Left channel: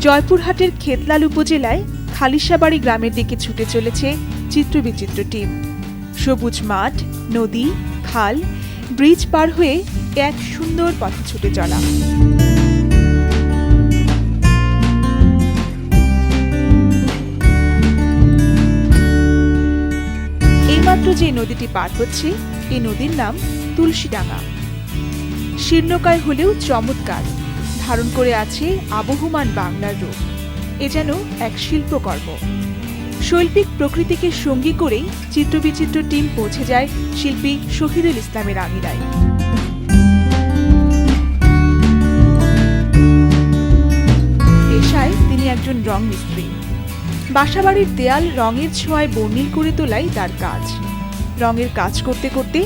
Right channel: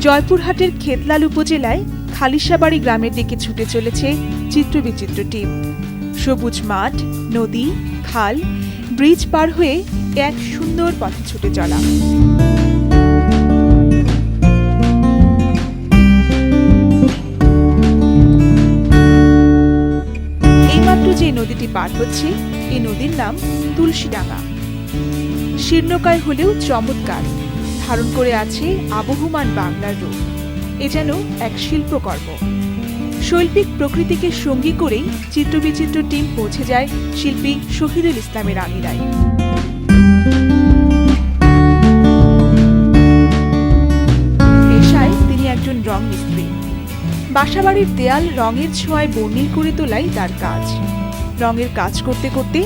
জয়পুরহাটের খেতলাল উপজেলায় খালিশাবাড়ি গ্রামের দিকে ছুটে চলেছে চিত্রবিচিত্র টিম। সবুজ মাঠ, নদী, খাল, ব্রিজ পার হয়ে এক সুন্দর পথে ছুটে চলা। এইমাত্র যে নদীটি পার হচ্ছে এই নদীর নাম তুলসীডাঙ্গা। শীর্ণকায় হলেও চমৎকার। ধারণ করে আছে আবহমান বাংলার রূপ। এ যেন এক শিল্পকর্ম। শৈল্পিক প্রকৃতিকে সঙ্গী করেই চিত্রবিচিত্র টিম পৌঁছে যায় শিল্পী শহীদুল ইসলামের আমিরায়। পেশায় তিনি একজন রং মিস্ত্রি। বাসাবাড়ির দেয়াল রঙের ছোঁয়ায় বর্ণিল করে তোলাই তার কাজ। রঙের কাজ করতে করতে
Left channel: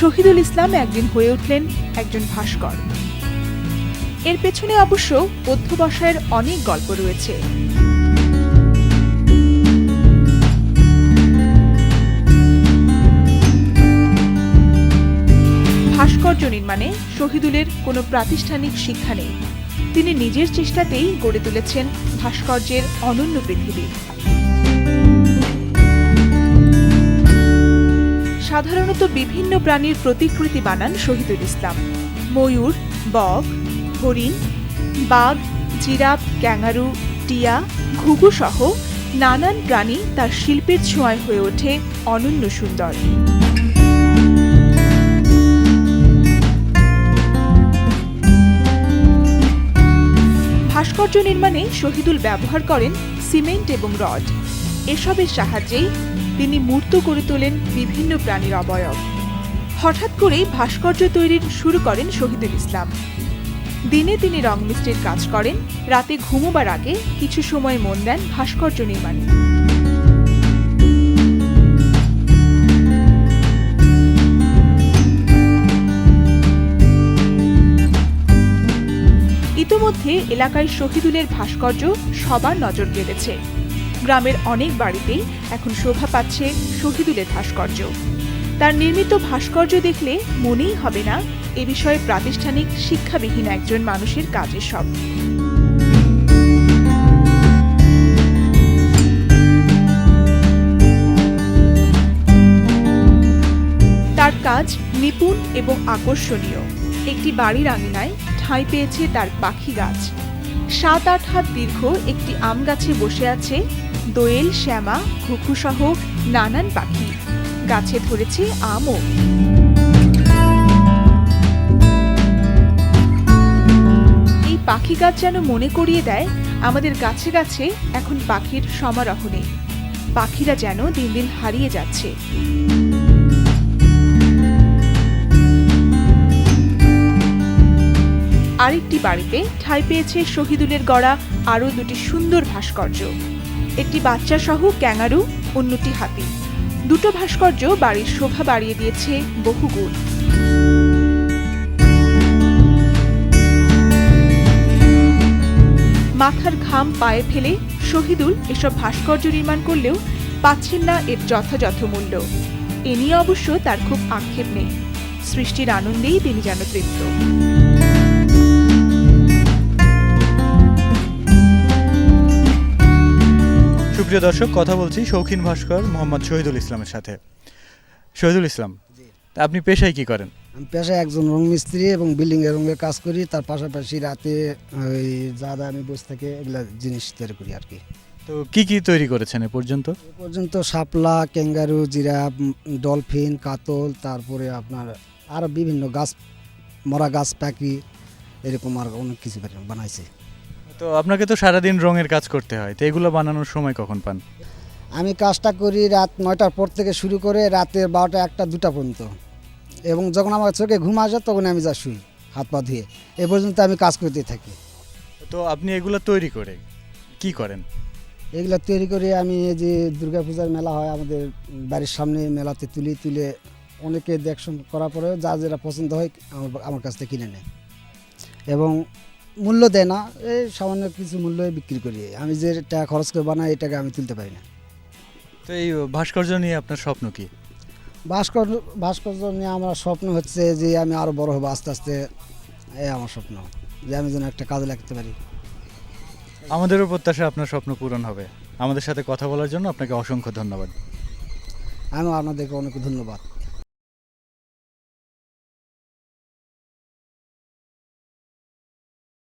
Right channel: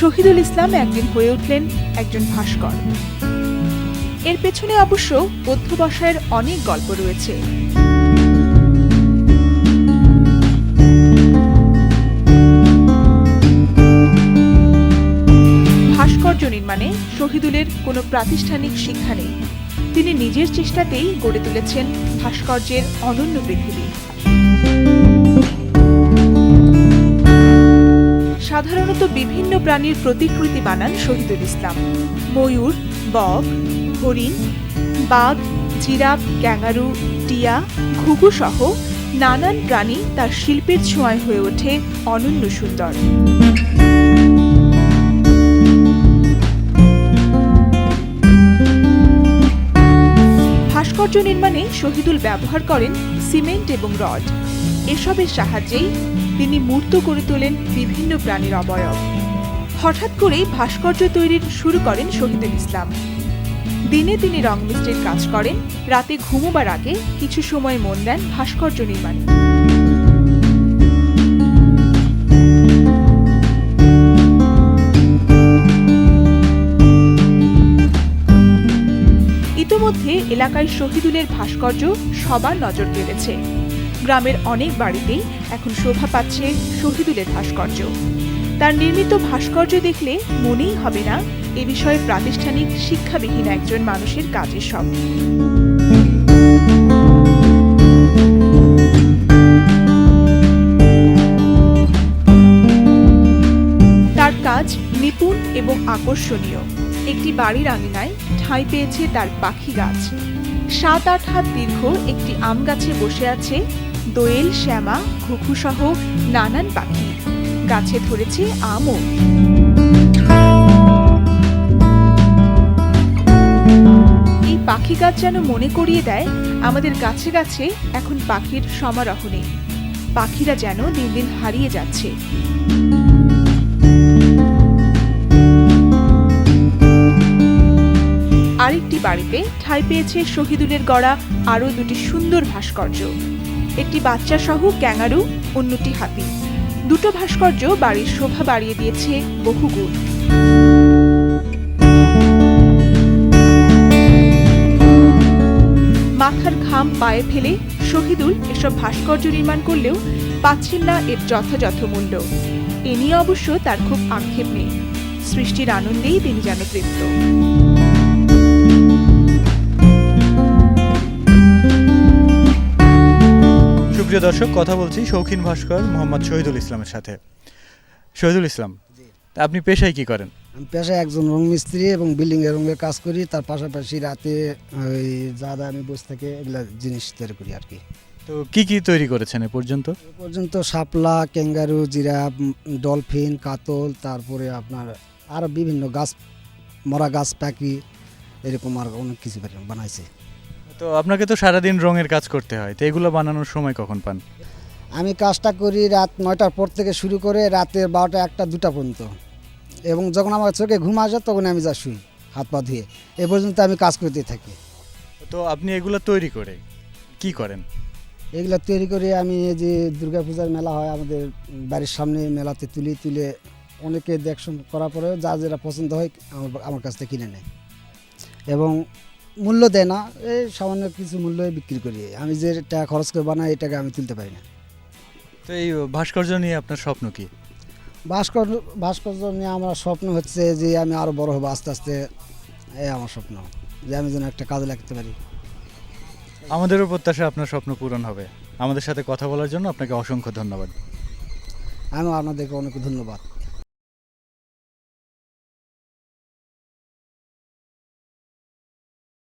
শহীদুল ইসলাম একদিন হয়ে উঠলেন একজন ভাস্কর। এর পেছনে অবশ্য অধ্যবসায়ের অনেক গল্প রয়েছে। ভাস্কর্য নির্মাণে শহীদুলের কোনো প্রাতিষ্ঠানিক শিক্ষা নেই। তিনি নিজের চেষ্টাতেই গড়ে তুলেছেন ভাস্কর্যের অনন্য পৃথিবী। সাধারণত বিভিন্ন প্রাণীর প্রতিকৃতি বানান শহীদুল ইসলাম। ময়ূর, বক হরিণ, বাঘ, জিরাফ, ক্যাঙ্গারু, টিয়া ঘুঘু সহ নানান প্রাণী তার শিল্পের ছোঁয়ায় হয়ে ওঠে অনন্য সুন্দর। ভাস্কর্য নির্মাণে শহীদুল ব্যবহার করেন সিমেন্ট এবং রড। এসবের সাহায্যেই তিনি মূর্ত করে তোলেন বিভিন্ন প্রাণীর অবয়ব। হঠাৎ করেই ভাস্কর্য তৈরির শুরু করেন শহীদুল ইসলাম। দিনে তিনি রং মিস্ত্রির কাজ করেন, রাতে ঘুমোবার আগে কিছু সময় মন দেন ভাস্কর্য নির্মাণে। ইতোমধ্যে এলাকায় শহীদুলের ভাস্কর্য সবার নজর কেড়েছে। গ্রামের অনেক বাড়িতেই এখন শোভা পাচ্ছে শহীদুলের ভাস্কর্য। তার নির্মিত ভাস্কর্য দেখলে মনেই হবে না এ বিষয়ে প্রাতিষ্ঠানিক শিক্ষাবিহীন একজন মানুষের কাজের সব। তার কাজ নিপুণ এবং আকর্ষণীয়। একটি বাড়ির আঙিনায় ঠাঁই পেয়েছে তার পাখি গাছ। সাত আট হাত দীর্ঘ একটি আম গাছে বসে আছে দোয়েল, শ্যামা, ঘুঘু সহ নানান পাখি। গাছে ধরেছে আমও। পাখি গাছ যেন মনে করিয়ে দেয়, আমাদের গাছে গাছে এখন পাখির সমারোহ নেই। পাখিরা যেন দিন দিন হারিয়ে যাচ্ছে। আরেকটি বাড়িতে ঠাঁই পেয়েছে শহীদুলের গড়া আরও দুটি সুন্দর ভাস্কর্য। একটি বাচ্চা সহ ক্যাঙারু, অন্যটি হাতি। দুটো ভাস্কর্য বাড়ির শোভা বাড়িয়ে দিয়েছে বহু বহুগুণ। মাথার ঘাম পায়ে ফেলে শহীদুল এসব ভাস্কর্য নির্মাণ করলেও পাচ্ছেন না এর যথাযথ মূল্য। এ নিয়ে অবশ্য তার খুব আক্ষেপ নেই। সৃষ্টির আনন্দেই তিনি যেন তৃপ্ত। সুপ্রিয় দর্শক কথা বলছি শৌখিন ভাস্কর মোহাম্মদ শহীদুল ইসলামের সাথে। শহীদুল ইসলাম তা আপনি পেশায় কি করেন? আমি পেশায় একজন রং মিস্ত্রি এবং বিল্ডিং এর রঙের কাজ করি তার পাশাপাশি রাতে ওই যা যা আমি বসে থেকে এগুলা জিনিস তৈরি করি আর কি। তো কি কি তৈরি করেছেন এ পর্যন্ত? এ পর্যন্ত শাপলা ক্যাঙ্গারু জিরাফ ডলফিন কাতল তারপরে আপনার আরও বিভিন্ন গাছ মরা গাছ পাখি এরকম আর অনেক কিছু বানা- বানাইছে। তো আপনাকে তো সারাদিন রঙের কাজ করতে হয় তো এগুলো বানানোর সময় কখন পান? আমি কাজটা করি রাত নয়টার পর থেকে শুরু করে রাতের বারোটা একটা দুটা পর্যন্ত। এবং যখন আমার চোখে ঘুম আসে তখন আমি যা শুই হাত পা ধুয়ে। এ পর্যন্ত আমি কাজ করতে থাকি। তো আপনি এগুলো তৈরি করে কি করেন? এগুলো তৈরি করে আমি এই যে দুর্গাপূজার মেলা হয় আমাদের বাড়ির সামনে মেলাতে তুলি তুলে অনেকে দেখশন করার পরে যা যেটা পছন্দ হয় আমার আমার কাছ থেকে কিনে নেয়। এবং মূল্য দেয় না এই সামান্য কিছু মূল্যে বিক্রি করি। আমি যে টাকা খরচ করে বানাই এটাকে আমি তুলতে পারি না। তো এই ভাস্কর্য নিয়ে আপনার স্বপ্ন কি? ভাস্কর্য ভাস্কর্য নিয়ে আমার স্বপ্ন হচ্ছে যে আমি আরও বড় হব আস্তে আস্তে। এ আমার স্বপ্ন যে আমি যেন একটা কাজে লাগতে পারি। আমাদেরও প্রত্যাশা আপনার স্বপ্ন পূরণ হবে। আমাদের সাথে কথা বলার জন্য আপনাকে অসংখ্য ধন্যবাদ। আমি আপনাদেরকে অনেক ধন্যবাদ।